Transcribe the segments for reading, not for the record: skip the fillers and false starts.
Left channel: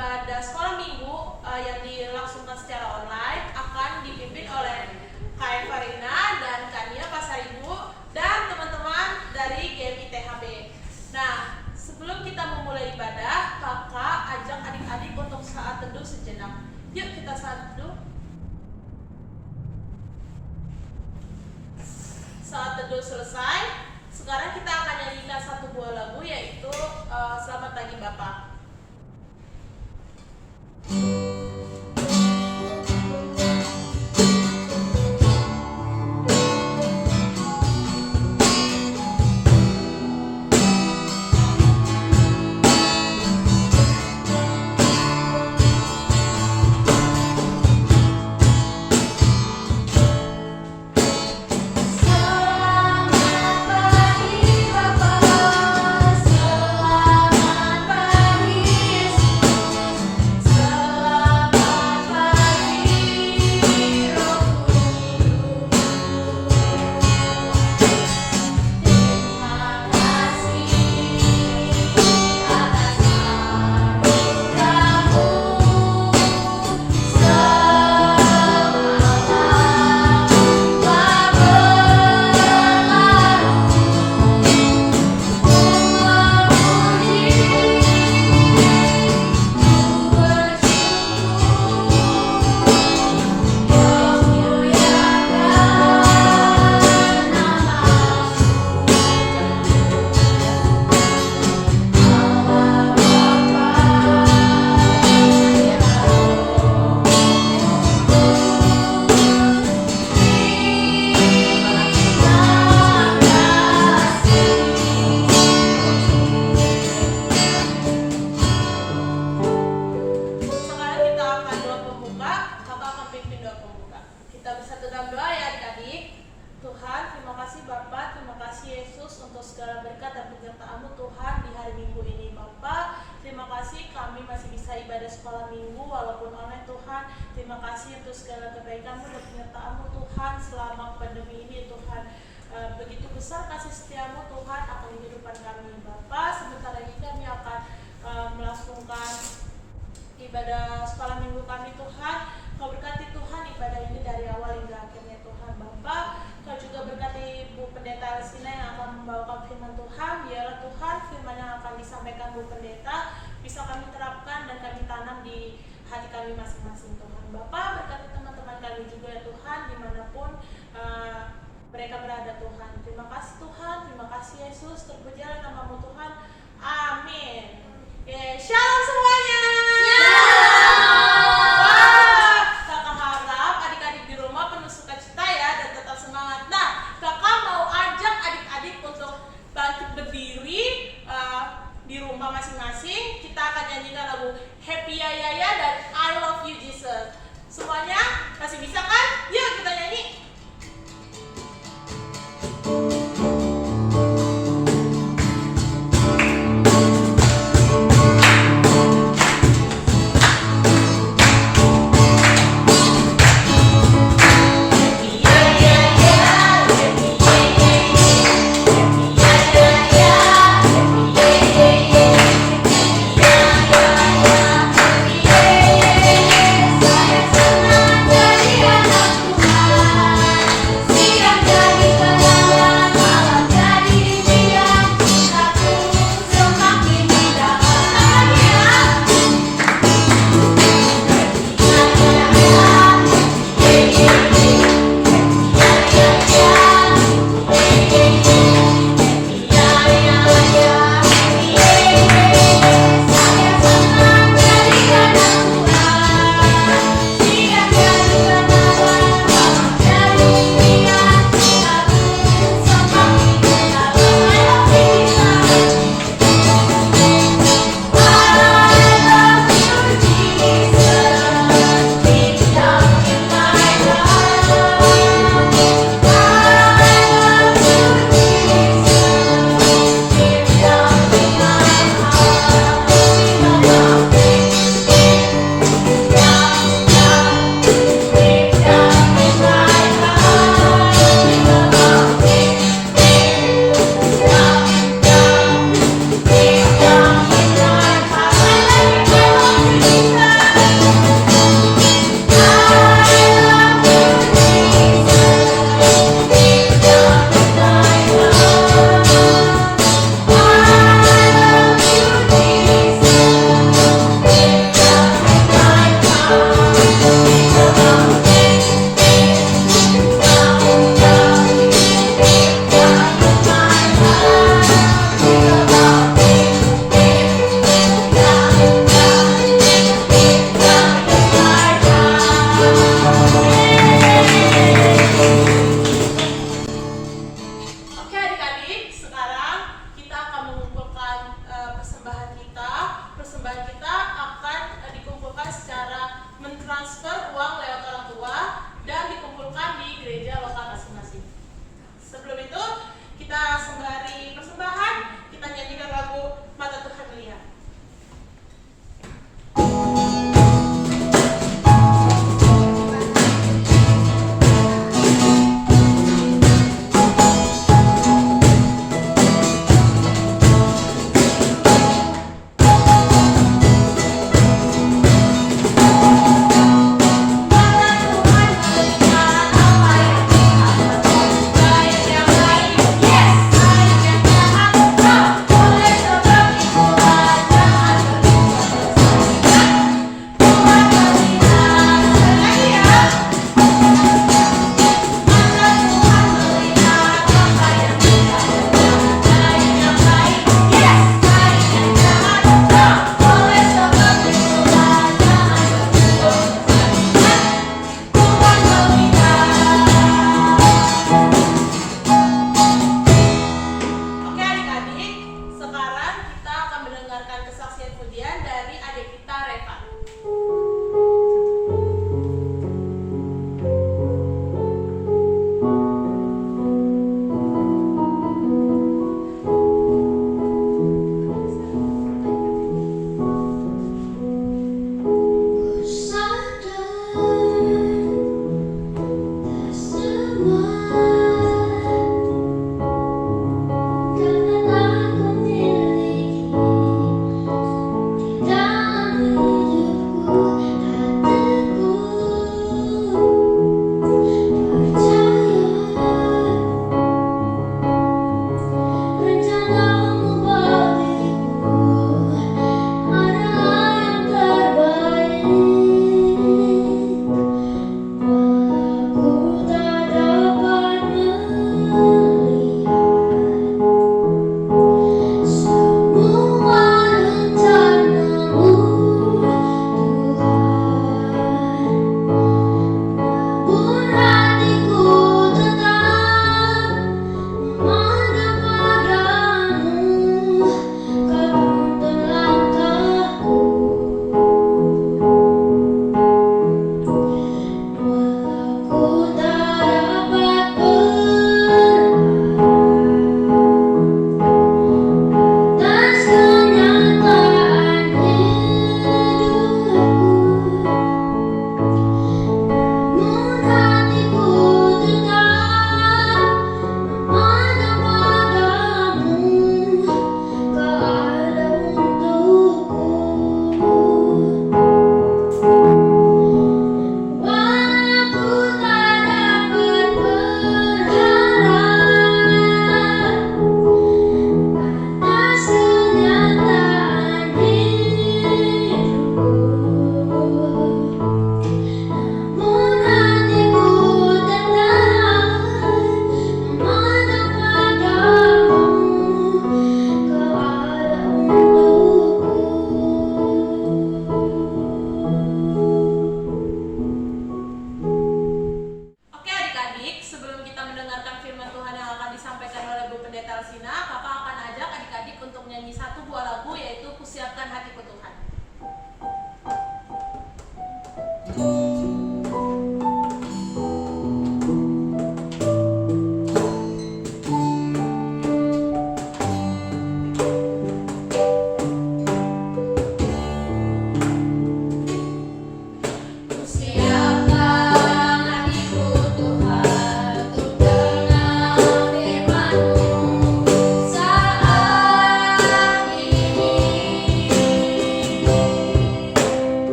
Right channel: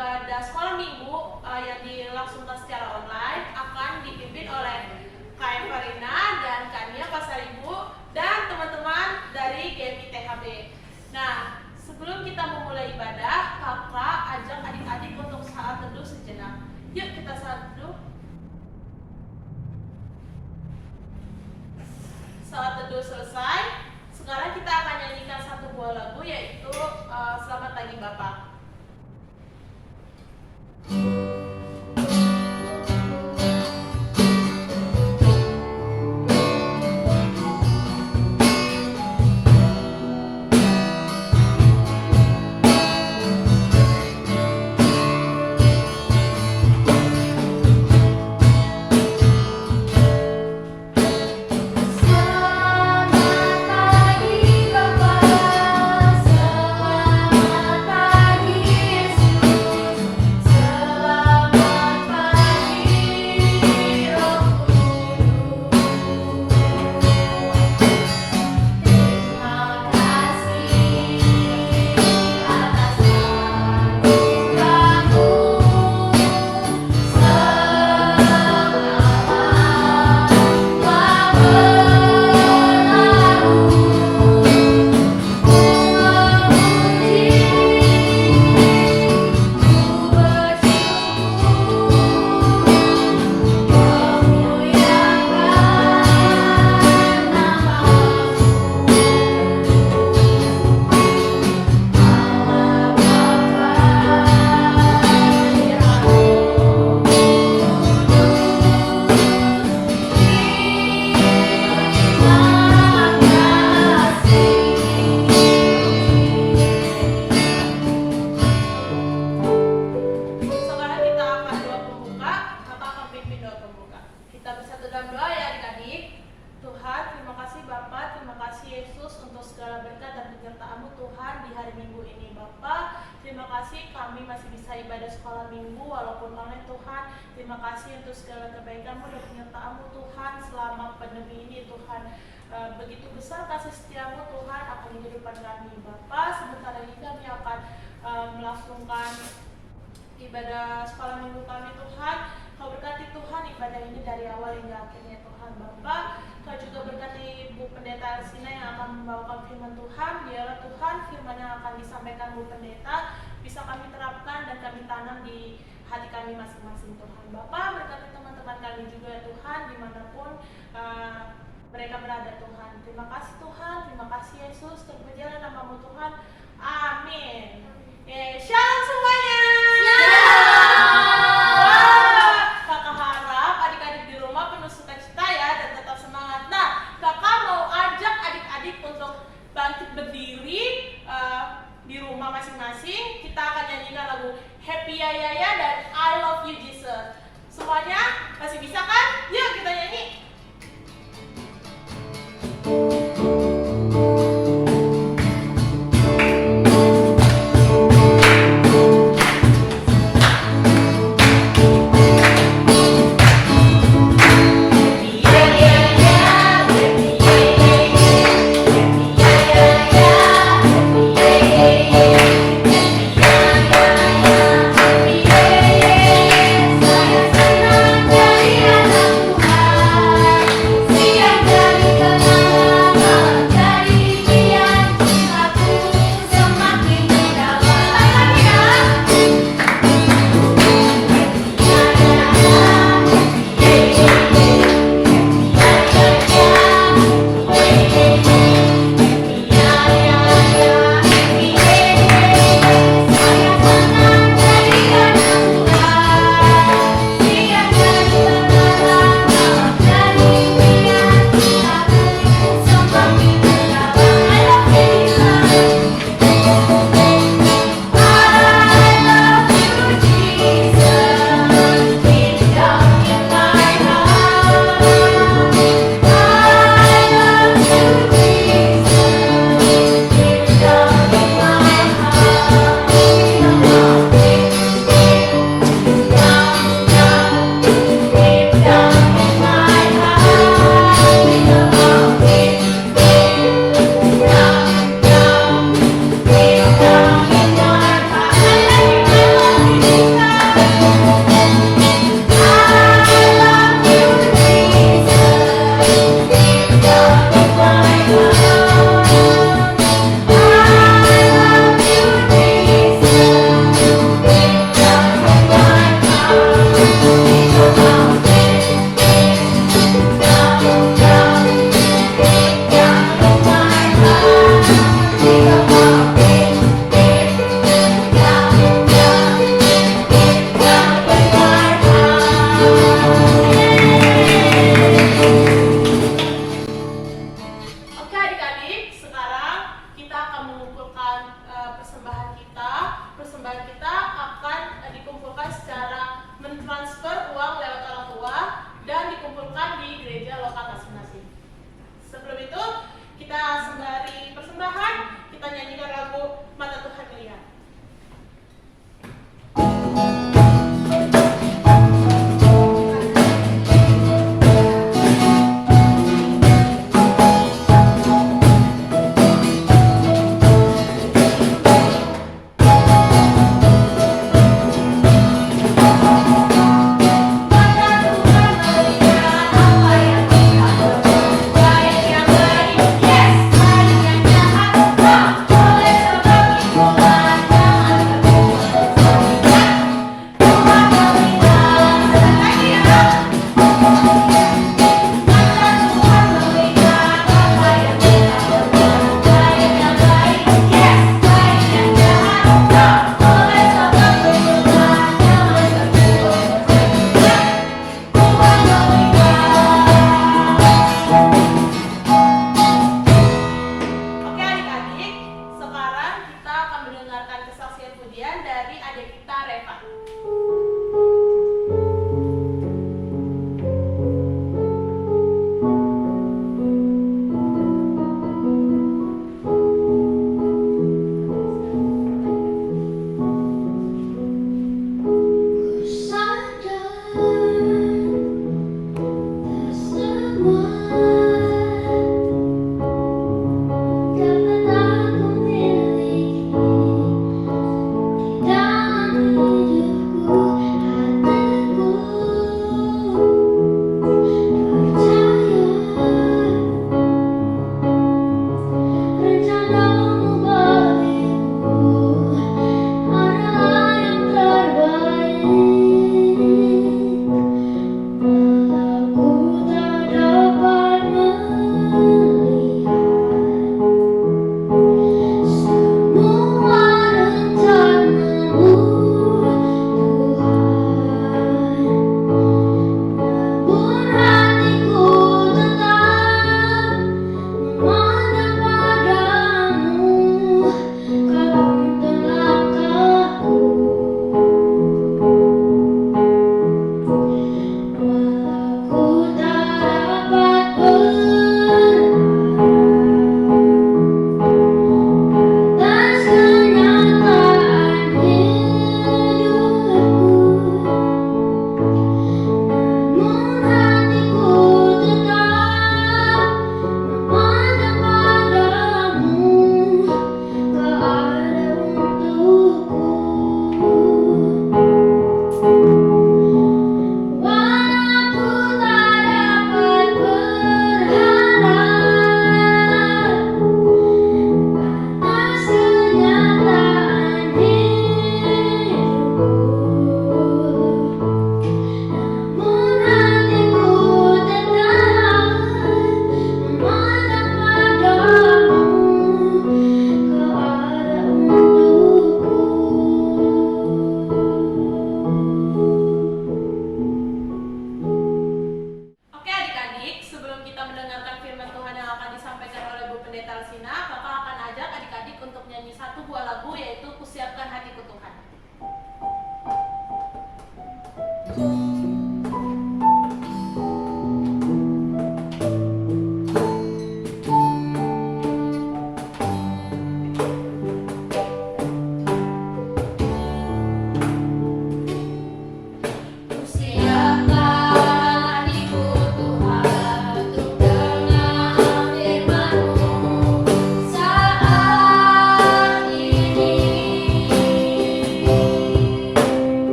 ibadah sekolah minggu yang dilangsungkan secara online akan dipimpin oleh Kak Farina dan Kak Nia Pasaribu dan teman-teman dari GMI THB. Nah, sebelum kita memulai ibadah, kakak ajak adik-adik untuk saat teduh sejenak. Yuk kita saat teduh. Saat teduh selesai, sekarang kita akan nyanyikan satu buah lagu, yaitu Selamat Pagi Bapak. Begitu besar kasih setiamu Tuhan akan kehidupan kami. Bapa, sebentar lagi kami akan melangsungkan ibadah sekolah minggu kami Tuhan. Kau berkati Tuhan ibadah ini dari awal hingga akhirnya Tuhan. Bapa, Kau juga berkati Bu Pendeta Alsina yang akan membawakan firman Tuhan. Biarlah Tuhan firman yang akan disampaikan Bu Pendeta bisa kami terapkan dan kami tanam di hati kami masing-masing Tuhan. Bapa, berkati teman-teman kami juga Tuhan dimanapun mereka berada Tuhan. Terima kasih Tuhan, terima kasih Yesus, terpujilah nama-Mu Tuhan. Amin. Shalom semuanya. Wah, kakak harap adik-adik di rumah penuh sukacita ya dan tetap semangat. Nah, kakak mau ajak adik-adik untuk bangkit berdiri di rumah masing-masing. Kita akan nyanyikan lagu Happy Ya Ya Ya dan I Love You Jesus. Semuanya masih bisa kan? Yuk kita nyanyi. Siang jadi kenangan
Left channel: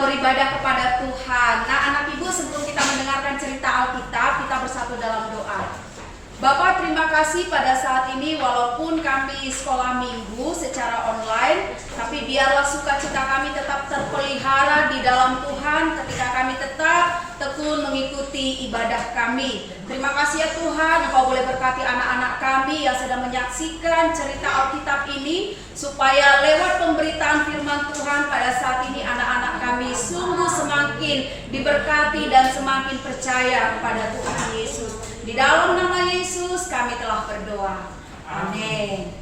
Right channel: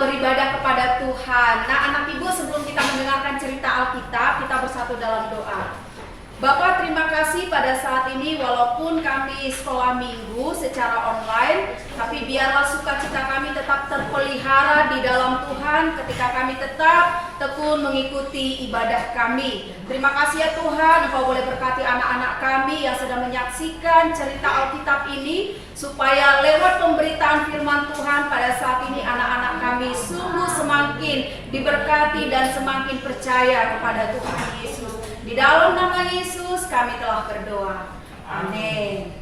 beribadah kepada Tuhan. Nah, anak ibu, sebelum kita mendengarkan cerita Alkitab, kita bersatu dalam doa. Bapak, terima kasih pada saat ini walaupun kami sekolah minggu secara online, tapi biarlah sukacita kami tetap terpelihara di dalam Tuhan ketika kami tetap tekun mengikuti ibadah kami. Terima kasih ya Tuhan, Engkau boleh berkati anak-anak kami yang sedang menyaksikan cerita Alkitab ini, supaya lewat pemberitaan firman Tuhan pada saat ini anak-anak kami sungguh semakin diberkati dan semakin percaya kepada Tuhan Yesus. Di dalam nama Yesus kami telah berdoa. Amin.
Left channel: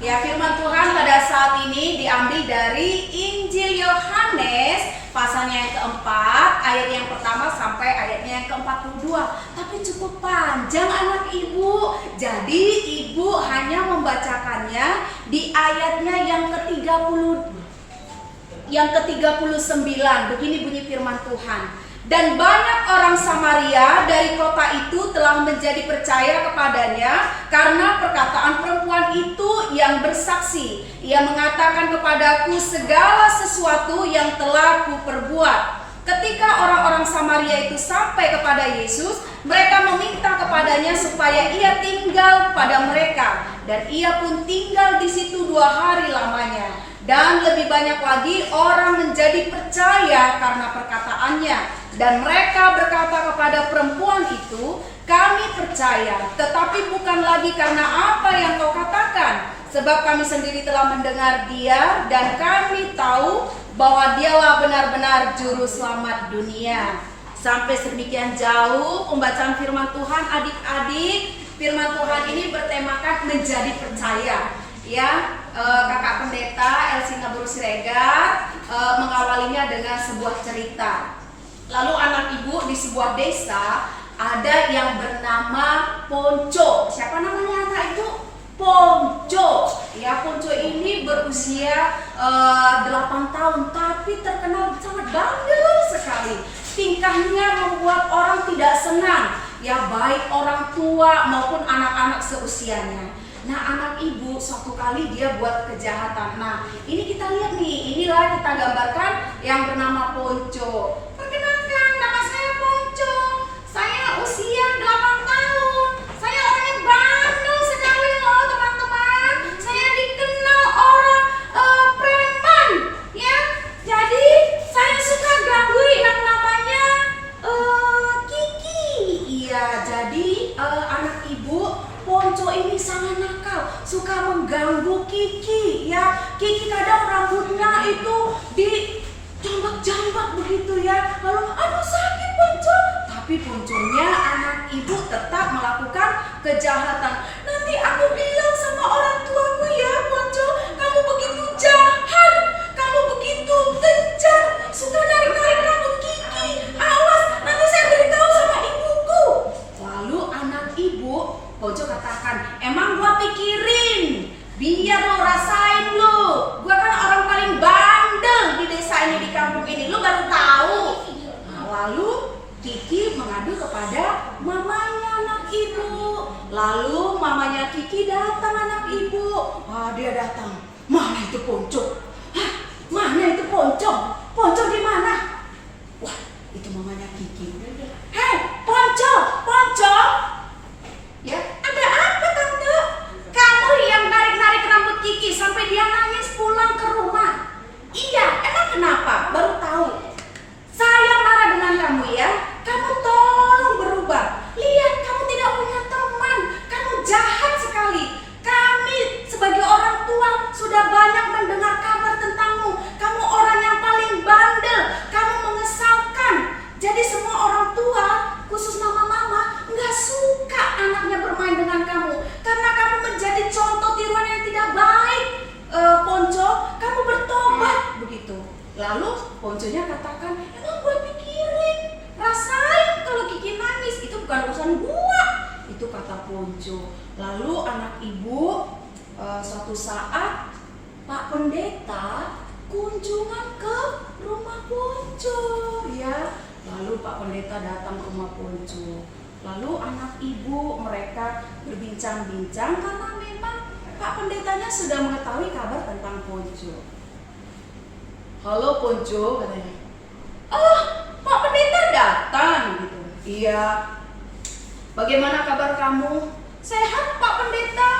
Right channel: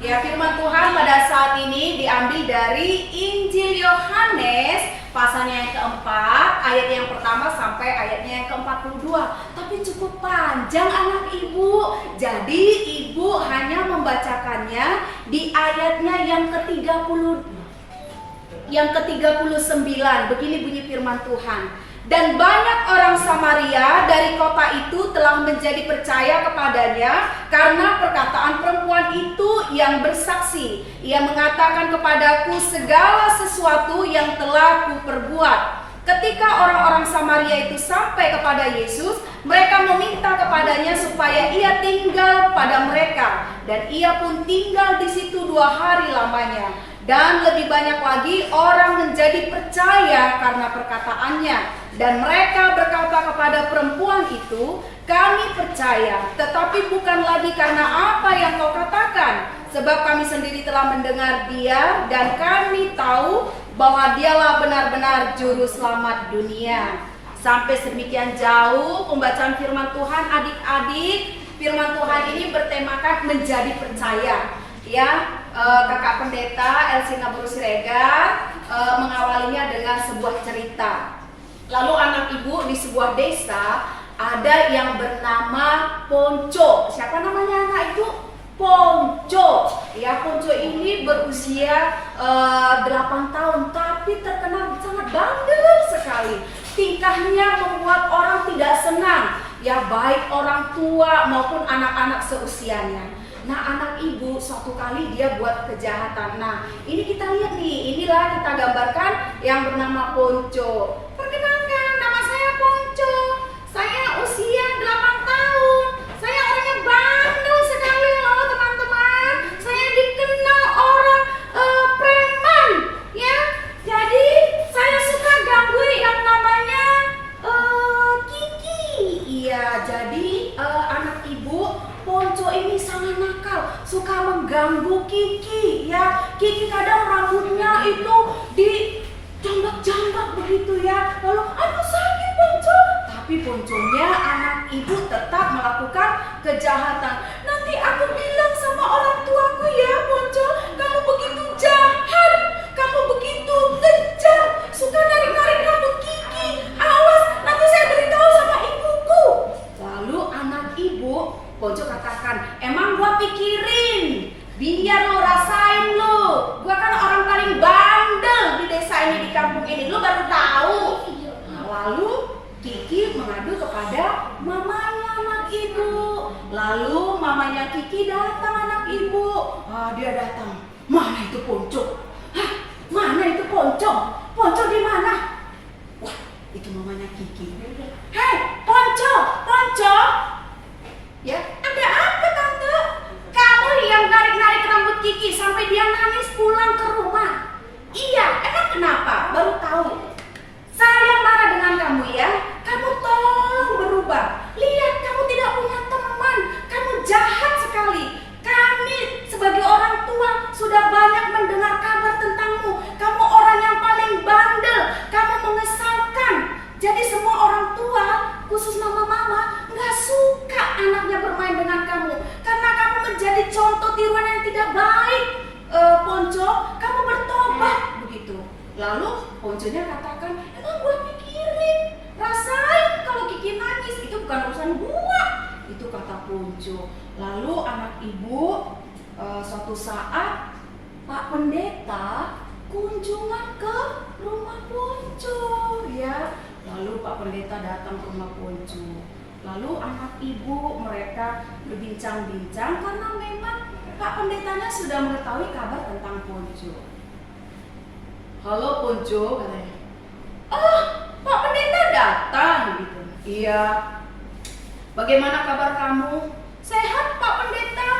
Ya, firman Tuhan pada saat ini diambil dari Injil Yohanes pasalnya yang keempat, ayat yang pertama sampai ayatnya yang ke-42. Tapi cukup panjang anak ibu. Jadi ibu hanya membacakannya di ayatnya yang ke-39. Begini bunyi firman Tuhan. Dan banyak orang Samaria dari kota itu telah menjadi percaya kepadanya karena perkataan perempuan itu yang bersaksi. Ia mengatakan kepadaku segala sesuatu yang telah kuperbuat. Ketika orang-orang Samaria itu sampai kepada Yesus, mereka meminta kepadanya supaya ia tinggal pada mereka. Dan ia pun tinggal di situ 2 hari lamanya. Dan lebih banyak lagi orang menjadi percaya karena perkataannya. Dan mereka berkata kepada perempuan itu, kami percaya, tetapi bukan lagi karena apa yang kau katakan. Sebab kami sendiri telah mendengar dia dan kami tahu bahwa dialah benar-benar juru selamat dunia. Sampai sedemikian jauh pembacaan firman Tuhan adik-adik. Firman Tuhan ini bertemakan menjadi percaya. Ya, kakak pendeta Elsina Bru Siregar mengawalinya dengan sebuah cerita. Lalu anak ibu di sebuah desa ada yang bernama Ponco. Siapa namanya anak ibu? Ponco. Ya, Ponco ini berusia 8 tahun tapi terkenal sangat bandel sekali. Tingkahnya membuat orang tidak senang, ya baik orang tua maupun anak-anak seusianya. Nah, anak ibu suatu kali dia buat kejahatan. Nah, ini kita lihat nih, inilah kita gambarkan yang bernama Ponco. Perkenalkan, nama saya Ponco. Saya usia 8 tahun. Saya orangnya bandel sekali loh teman-teman. Saya dikenal orang preman, ya. Jadi saya suka ganggu yang namanya Kiki. Iya, jadi anak ibu Ponco ini sangat nakal, suka mengganggu Kiki, ya. Kiki kadang rambutnya itu dijambak-jambak begitu ya. Lalu, aduh sakit Ponco. Tapi Ponconya anak ibu tetap melakukan kejahatan. Nanti aku bilang sama orang tuaku ya Ponco, kamu begitu jahat, kamu begitu kejam, suka narik-narik rambut Kiki. Awas, nanti saya beritahu sama ibuku. Lalu anak ibu Ponco katakan, emang gua pikirin, biar lo rasain lo. Gua kan orang paling bandel di desa ini, di kampung ini. Lo baru tahu. Nah, lalu Kiki mengadu kepada mamanya anak ibu. Lalu mamanya Kiki datang anak ibu. Dia datang. Mana itu Ponco? Hah? Mana itu Ponco? Ponco di mana? Wah, itu mamanya Kiki. Hei, Ponco, Ponco. Ya, ada apa tante? Kamu yang narik-narik rambut Kiki sampai dia nangis pulang ke rumah. Iya, emang kenapa? Baru tahu. Saya marah dengan kamu ya. Kamu tolong berubah. Lihat, kamu tidak punya teman. Kamu jahat sekali. Kami sebagai orang tua sudah banyak mendengar kabar tentangmu. Kamu orang yang paling bandel. Kamu mengesalkan. Jadi semua orang tua, khusus mama-mama, nggak suka anaknya bermain dengan kamu karena kamu menjadi contoh tiruan yang tidak baik. Ponco, kamu bertobat begitu. Lalu Ponconya katakan, emang gua pikirin, rasain kalau Kiki nangis itu bukan urusan gua. Itu kata Ponco. Lalu anak ibu suatu saat Pak Pendeta kunjungan ke rumah Ponco, ya. Lalu Pak Pendeta datang ke rumah Ponco. Lalu anak ibu mereka berbincang-bincang karena memang Pak Pendetanya sudah mengetahui kabar tentang Ponco. Halo Ponco, katanya. Oh, Pak Pendeta datang gitu. Iya. Bagaimana kabar kamu? Sehat Pak Pendeta?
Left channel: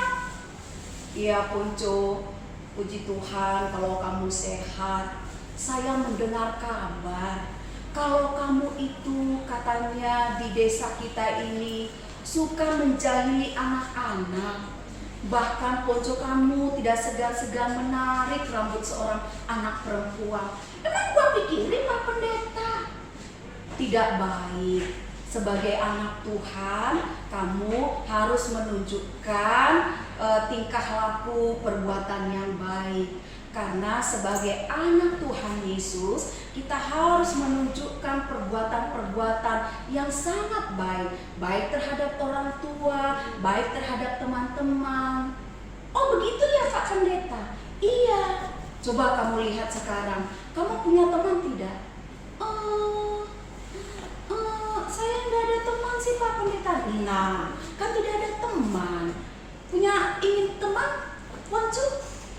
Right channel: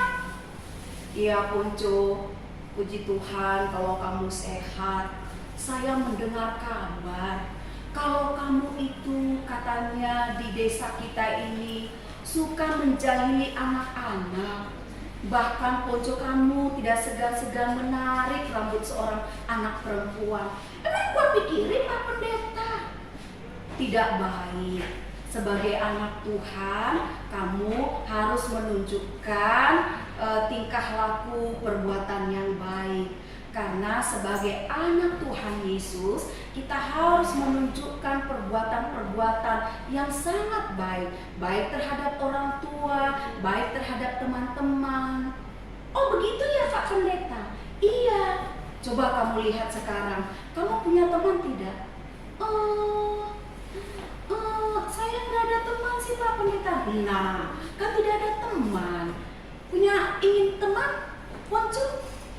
Iya Ponco, puji Tuhan kalau kamu sehat. Saya mendengar kabar kalau kamu itu katanya di desa kita ini suka menjahili anak-anak. Bahkan Ponco kamu tidak segan-segan menarik rambut seorang anak perempuan. Emang gua pikirin Pak Pendeta? Tidak baik. Sebagai anak Tuhan, kamu harus menunjukkan tingkah laku perbuatan yang baik. Karena sebagai anak Tuhan Yesus, kita harus menunjukkan perbuatan-perbuatan yang sangat baik. Baik terhadap orang tua, baik terhadap teman-teman. Oh begitu ya Pak Pendeta? Iya. Coba kamu lihat sekarang, kamu punya teman tidak? Saya nggak ada teman sih Pak Pendeta. Nah, kan tidak ada teman. Ingin teman? Ponco?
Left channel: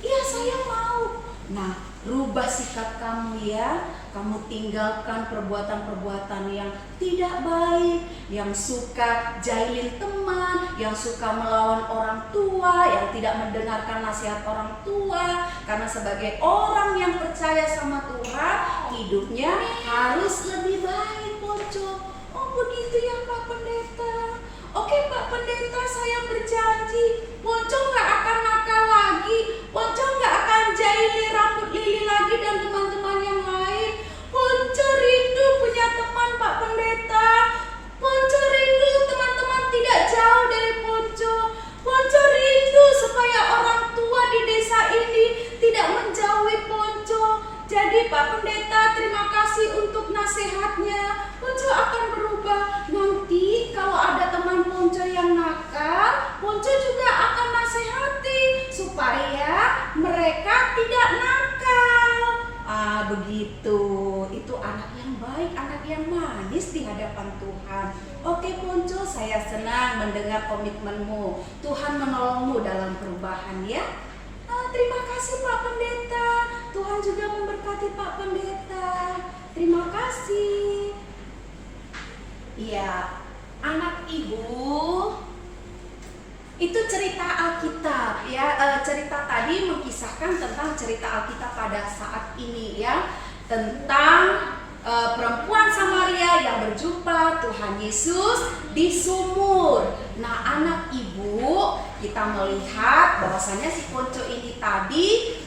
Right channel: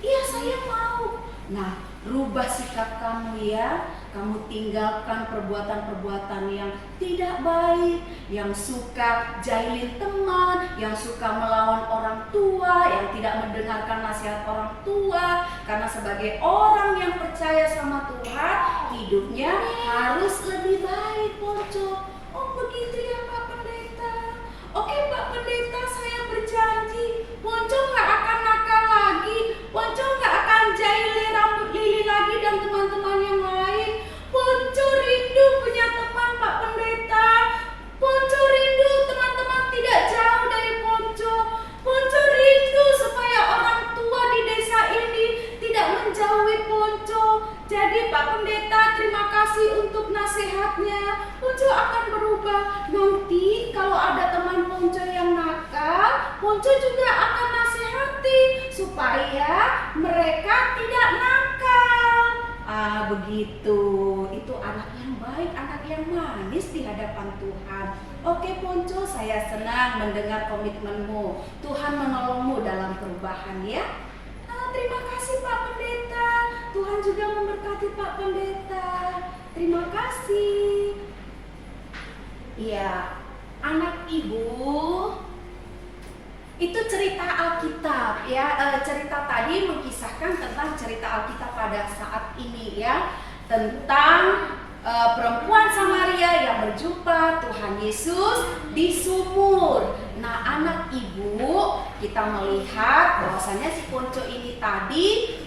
Iya saya mau. Nah, rubah sikap kamu ya. Kamu tinggalkan perbuatan-perbuatan yang tidak baik, yang suka jahilin teman, yang suka melawan orang tua, yang tidak mendengarkan nasihat orang tua, Karena sebagai orang yang percaya sama Tuhan, hidupnya harus lebih baik, Ponco. Oh begitu ya Pak Pendeta. Oke Pak Pendeta, saya berjanji Ponco nggak akan nakal lagi, Ponco nggak akan jahili rambut Lili lagi dan teman-teman yang lain. Ponco rindu punya teman Pak Pendeta. Ponco rindu teman-teman tidak jauh dari Ponco. Ponco rindu supaya orang tua di desa ini tidak menjauhi Ponco. Jadi Pak Pendeta, terima kasih untuk nasihatnya. Ponco akan berubah. Nanti kalau ada teman Ponco yang nakal, Ponco juga akan nasihati supaya mereka tidak nakal. Ah begitu. Itu anak yang baik, anak yang manis di hadapan Tuhan. Oke Ponco, saya senang mendengar komitmenmu. Tuhan menolongmu dalam perubahan ya. Terima kasih Pak Pendeta. Tuhan juga memberkati Pak Pendeta. Terima kasih. Ya, anak ibu, itu cerita Alkitab ya. Cerita tadi mengisahkan tentang cerita Alkitab pada saat ini ya, tentang perempuan Samaria yang berjumpa Tuhan Yesus di sumur. Nah anak ibu, kita melihat bahwasanya si Ponco ini tadi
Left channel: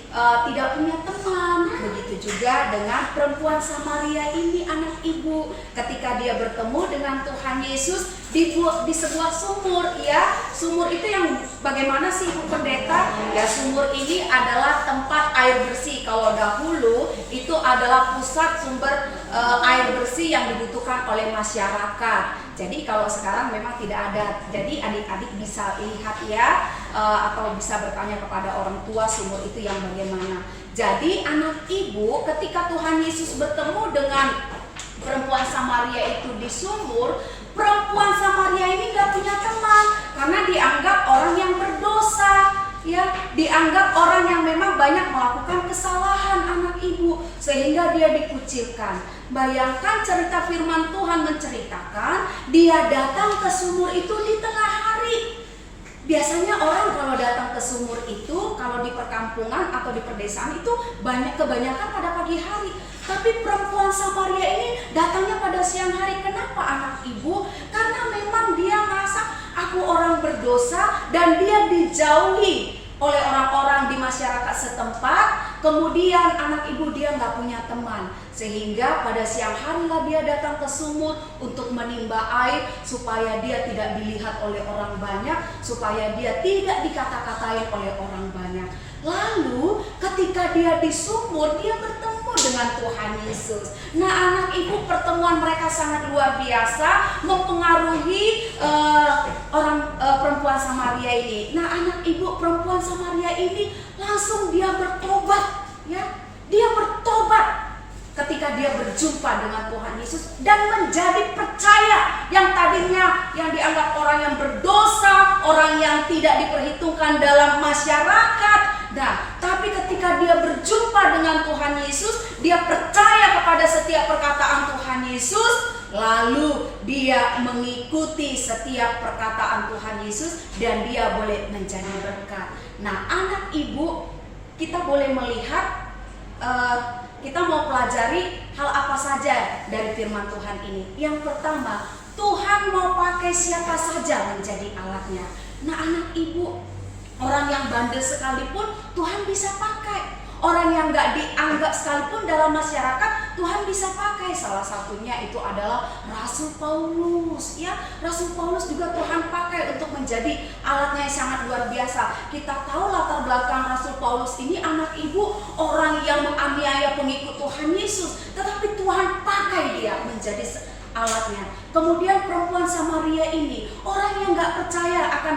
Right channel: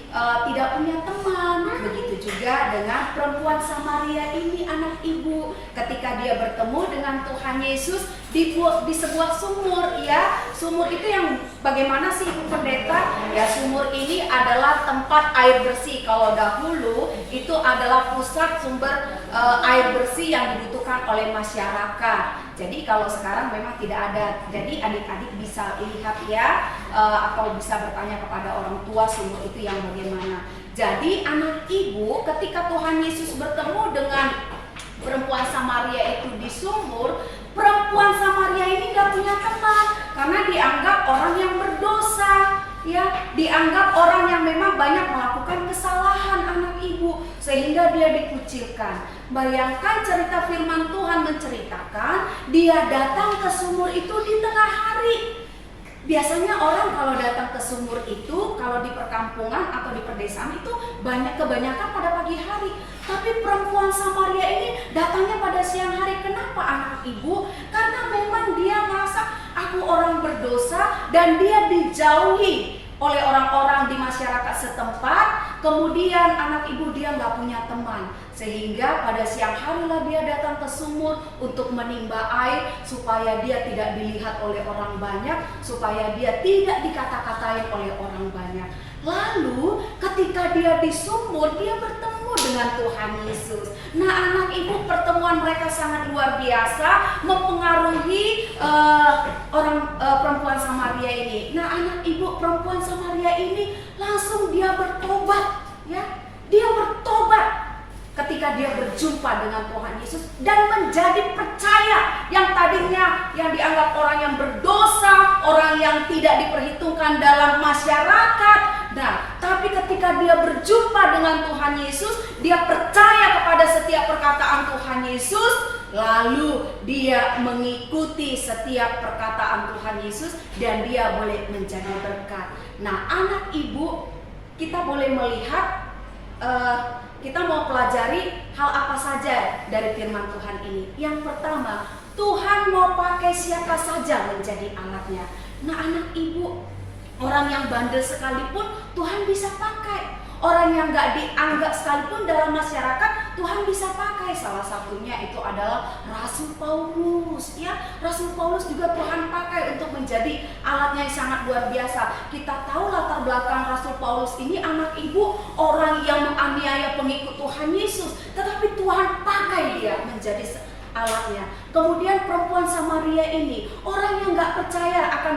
tidak punya teman. Begitu juga dengan perempuan Samaria ini anak ibu, ketika dia bertemu dengan Tuhan Yesus di sebuah sumur ya. Sumur itu yang bagaimana sih Ibu Pendeta? Ya sumur ini adalah tempat air bersih. Kalau dahulu itu adalah pusat sumber air bersih yang dibutuhkan oleh masyarakat. Jadi kalau sekarang memang tidak ada. Jadi adik-adik bisa lihat ya, atau bisa bertanya kepada orang tua sumur itu yang bagaimana. Jadi anak ibu, ketika Tuhan Yesus bertemu dengan perempuan Samaria itu di sumur, perempuan Samaria ini gak punya teman karena dianggap orang yang berdosa ya, dianggap orang yang memang banyak melakukan kesalahan anak ibu, sehingga dia dikucilkan. Bayangkan cerita firman Tuhan menceritakan dia datang ke sumur itu di tengah hari. Biasanya orang kalau datang ke sumur itu, kalau di perkampungan atau di perdesaan itu kebanyakan pada pagi hari. Tapi perempuan Samaria ini datangnya pada siang hari. Kenapa anak ibu? Karena memang dia merasa aku orang berdosa dan dia dijauhi oleh orang-orang di masyarakat setempat. Kemudian anak ibu dia nggak punya teman, sehingga pada siang harilah dia datang ke sumur untuk menimba air supaya dia tidak dilihat oleh orang banyak, supaya dia tidak dikata-katain oleh orang banyak. Lalu ketika dia di sumur, dia bertemu dengan Tuhan Yesus. Nah anak ibu, pertemuan mereka sangat luar biasa, mempengaruhi perempuan Samaria ini. Nah anak ibu, perempuan Samaria ini langsung dia bertobat ya. Dia bertobat ketika dia berjumpa dengan Tuhan Yesus dan menjadi percaya. Yang tadinya yang dianggap orang yang berdosa, orang yang tidak diperhitungkan dalam masyarakat. Nah, tapi ketika dia berjumpa dengan Tuhan Yesus, dia percaya kepada setiap perkataan Tuhan Yesus, lalu dia mengikuti setiap perkataan Tuhan Yesus dan dia boleh menjadi berkat. Nah, anak ibu, kita boleh melihat, kita mau pelajari hal apa saja dari firman Tuhan ini. Yang pertama, Tuhan mau pakai siapa saja menjadi alatnya. Nah anak ibu, orang yang bandel sekalipun Tuhan bisa pakai. Orang yang gak dianggap sekalipun dalam masyarakat Tuhan bisa pakai. Salah satunya itu adalah Rasul Paulus ya. Rasul Paulus juga Tuhan pakai untuk menjadi alatnya yang sangat luar biasa. Kita tahu latar belakang Rasul Paulus ini anak ibu, orang yang menganiaya pengikut Tuhan Yesus, tetapi Tuhan pakai dia menjadi alatnya. Kemudian perempuan Samaria ini orang yang gak percaya akan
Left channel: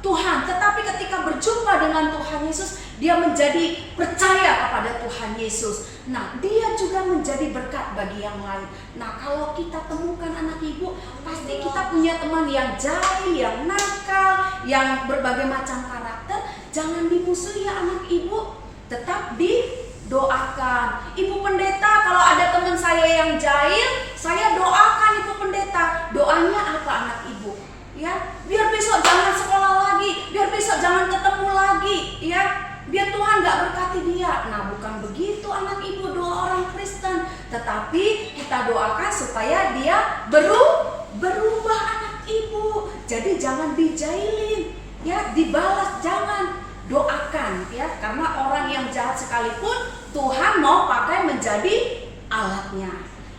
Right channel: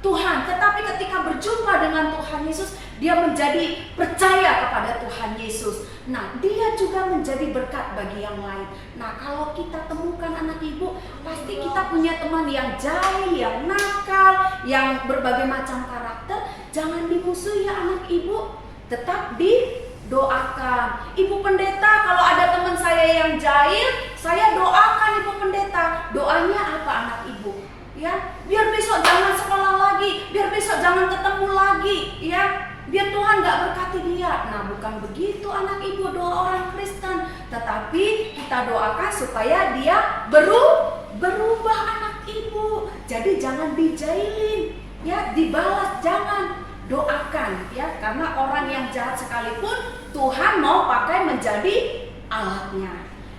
Tuhan, tetapi ketika berjumpa dengan Tuhan Yesus, dia menjadi percaya kepada Tuhan Yesus. Nah, dia juga menjadi berkat bagi yang lain. Nah, kalau kita temukan anak ibu, pasti kita punya teman yang jahil, yang nakal, yang berbagai macam karakter. Jangan dimusuhi ya anak ibu, tetap didoakan. Ibu pendeta, kalau ada teman saya yang jahil, saya doakan ibu pendeta. Doanya apa anak ibu? Ya, biar besok jangan sekolah lagi, biar besok jangan ketemu lagi, ya. biar Tuhan gak berkati dia. Nah, bukan begitu anak ibu doa orang Kristen, tetapi kita doakan supaya dia berubah anak ibu. Jadi jangan dijailin, ya, dibalas, jangan, doakan, ya, karena orang yang jahat sekalipun Tuhan mau pakai menjadi alatnya.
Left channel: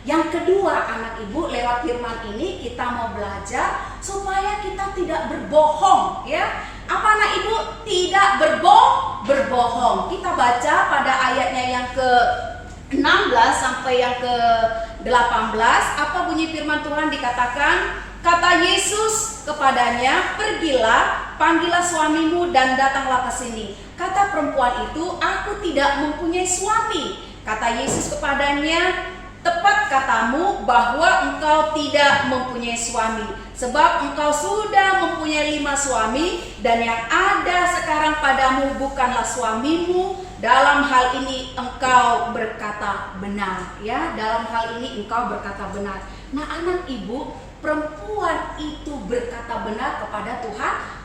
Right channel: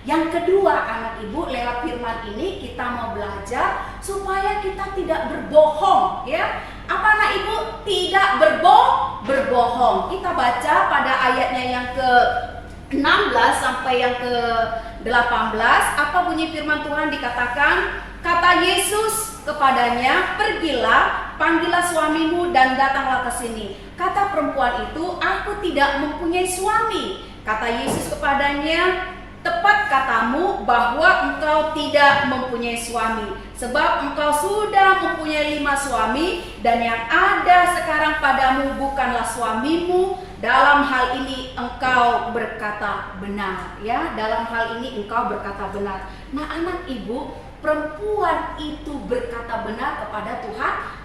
Yang kedua, anak ibu, lewat firman ini kita mau belajar supaya kita tidak berbohong, ya. Apa anak ibu? Tidak berbohong. Kita baca pada ayatnya yang ke-16 sampai yang ke-18. Apa bunyi firman Tuhan? Dikatakan, kata Yesus kepadanya, pergilah, panggillah suamimu dan datanglah ke sini. Kata perempuan itu, aku tidak mempunyai suami. Kata Yesus kepadanya, tepat katamu bahwa engkau tidak mempunyai suami, sebab engkau sudah mempunyai 5 suami, dan yang ada sekarang padamu bukanlah suamimu. Dalam hal ini engkau berkata benar, ya. Dalam hal ini engkau berkata benar. Nah, anak ibu, perempuan itu berkata benar kepada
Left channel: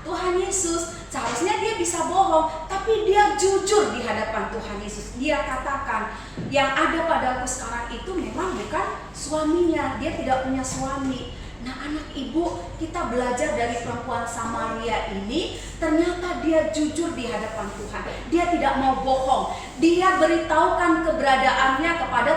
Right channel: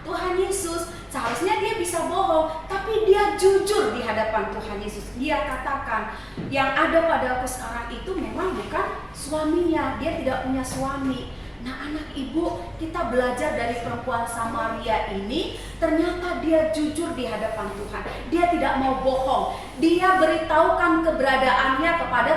Tuhan Yesus. Seharusnya dia bisa bohong, tapi dia jujur di hadapan Tuhan Yesus. Dia katakan, yang ada padaku sekarang itu memang bukan suaminya. Dia tidak punya suami. Nah, anak ibu, kita belajar dari perempuan Samaria ini, ternyata dia jujur di hadapan Tuhan. Dia tidak mau bohong. Dia beritahukan keberadaannya kepada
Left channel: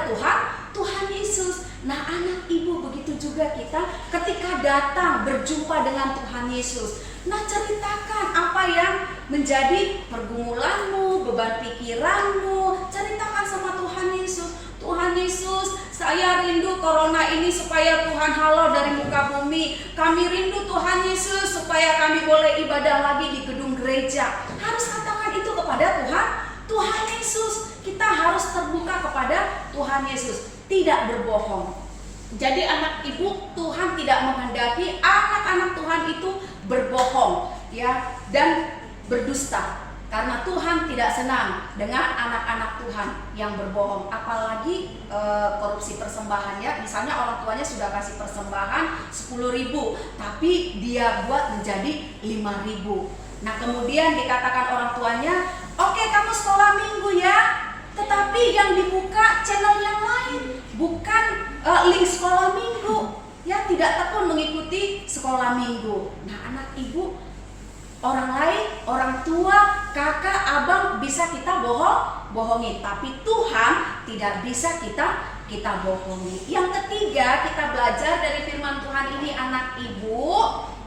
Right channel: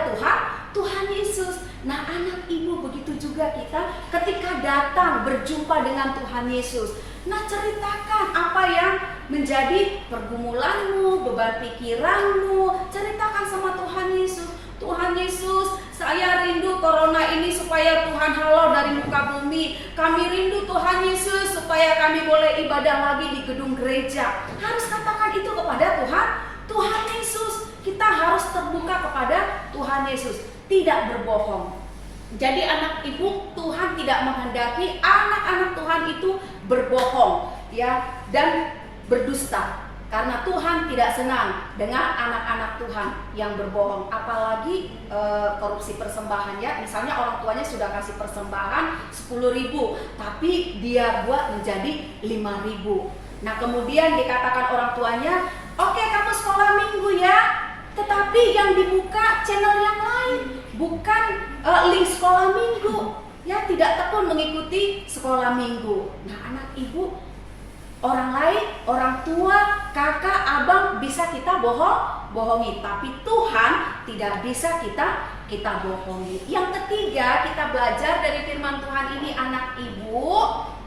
Tuhan Yesus. Nah, anak ibu, begitu juga kita ketika datang berjumpa dengan Tuhan Yesus. Nah, ceritakan apa yang menjadi pergumulanmu, beban pikiranmu. Ceritakan sama Tuhan Yesus. Tuhan Yesus, saya rindu corona ini supaya Tuhan halau dari muka bumi. Kami rindu Tuhan Yesus supaya kami boleh ibadah lagi di gedung gereja. Harus katakan itu kepada Tuhan Yesus. Kita harus terbuka kepada Tuhan Yesus, tidak berbohong. Jadi anak ibu, Tuhan tidak menghendaki anak-anak Tuhan itu berbohong, ya, dan berdusta. Karena Tuhan tidak senang dengan anak-anak Tuhan yang berbohong. Apalagi korupsi persembahannya. Misalnya orang tuanya sudah kasih persembahan 10.000, tapi dia buat menjadi 5.000. Nah, kemudian dikatakan orang tuanya, oke, kamu sekolah minggu ya, tetapi yang dibuka channel yang lain, bukan link sekolah minggu, ya, tidak tekun mengikuti sekolah minggu. Nah, anak ibu, orang lain, orang tua, kakak, abang bisa kita bohongi, tapi Tuhan tidak bisa kita bohongi. Yang ketiga, kita belajar dari firman Tuhan ini, anak ibu,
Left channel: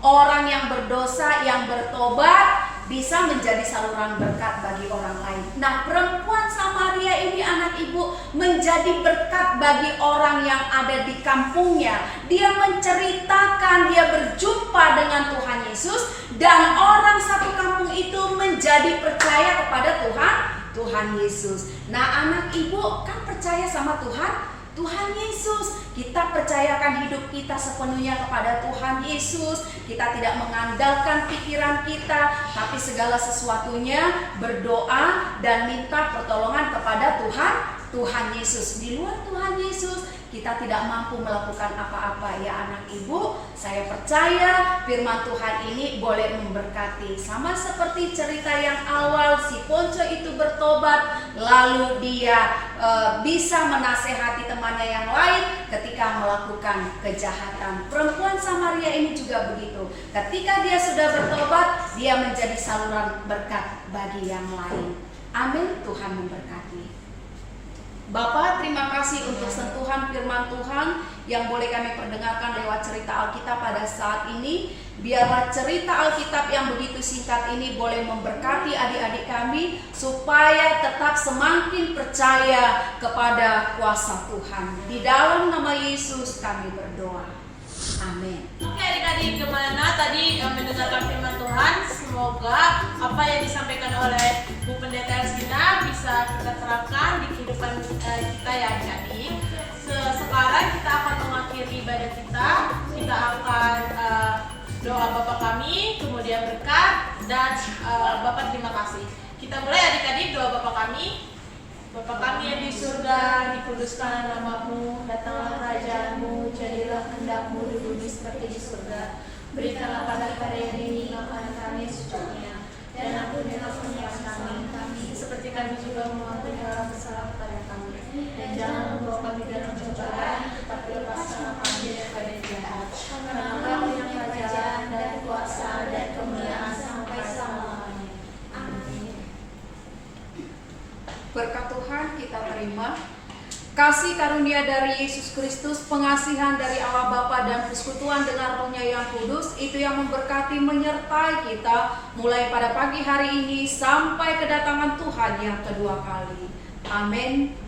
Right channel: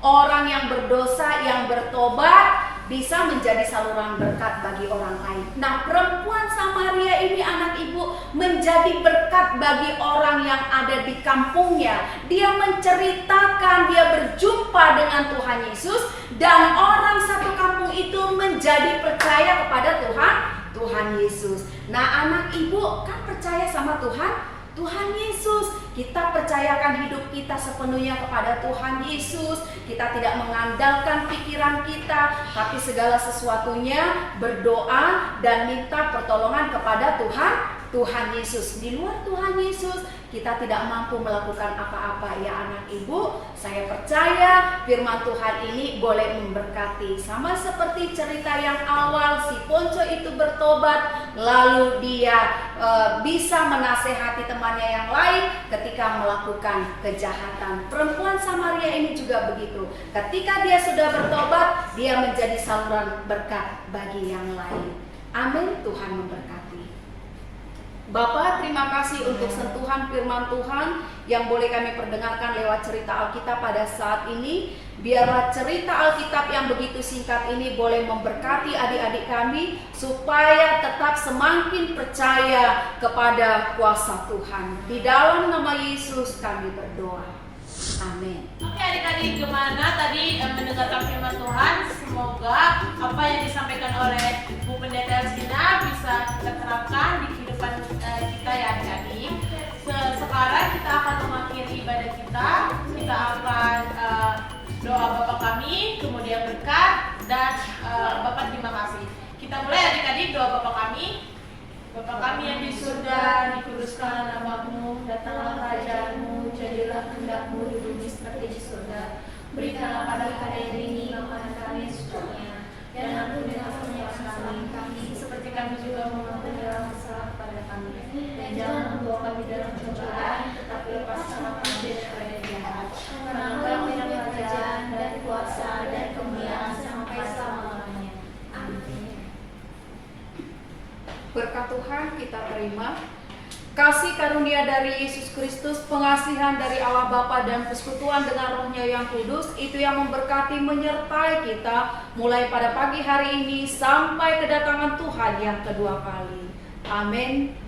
orang yang berdosa, yang bertobat bisa menjadi saluran berkat bagi orang lain. Nah, perempuan Samaria ini, anak ibu, menjadi berkat bagi orang yang ada di kampungnya. Dia menceritakan, dia berjumpa dengan Tuhan Yesus, dan orang satu kampung itu menjadi percaya kepada Tuhan Yesus. Nah, anak ibu kan percaya sama Tuhan Yesus. Kita percayakan hidup kita sepenuhnya kepada Tuhan Yesus. Kita tidak mengandalkan pikiran kita, tapi segala sesuatunya berdoa dan minta pertolongan kepada Tuhan Yesus. Di luar Tuhan Yesus, kita tidak mampu melakukan apa-apa, ya anak ibu. Saya percaya firman Tuhan ini boleh memberkati. Sama seperti cerita yang awal, si Ponco itu bertobat, lalu dia bisa menasehati temannya yang lain ketika melakukan kejahatan. Perempuan Samaria ini juga begitu. Ketika dia sudah bertobat, dia menjadi saluran berkat bagi yang lain. Amin. Tuhan memberkati. Bapak, terima kasih untuk sentuhan firman Tuhan yang boleh kami perdengarkan lewat cerita Alkitab pada saat ini. Biarlah cerita Alkitab yang begitu singkat ini boleh memberkati adik-adik kami, supaya tetap semakin percaya kepada kuasa Tuhan. Di dalam nama Yesus kami berdoa. Amin. Oke adik-adik, gimana tadi mendengarkan firman Tuhan? Semoga apa yang disampaikan oleh Bu Pendeta Elsina bisa kita terapkan di kehidupan kita, ya adik-adik. Sekarang kita akan mengakhiri ibadah kita. Kita akan doa Bapa kami, kemudian berkat, dan Bapa terima kasih. Kita mulai adik-adik, doa Bapa kami. Bapa kami yang di surga, dikuduskanlah namamu, datanglah kerajaanmu, jadilah kehendak-mu di bumi seperti di surga. Berikanlah pada hari ini makan kami secukupnya, dan ampunilah kesalahan kami, seperti kami juga mengampuni dalam kesalahan kepada kami. Dan jangan membawa kami dalam pencobaan, tetapi lepaskanlah kami daripada jahat. Karena Engkau yang kerajaan dan kuasa dan kemuliaan sampai selama-lamanya. Amin. Berkat Tuhan kita terima kasih karunia dari Yesus Kristus, pengasihan dari Allah Bapa dan persekutuan dengan Roh-Nya yang kudus, itu yang memberkati menyertai kita mulai pada pagi hari ini sampai kedatangan Tuhan yang kedua kali. Amin.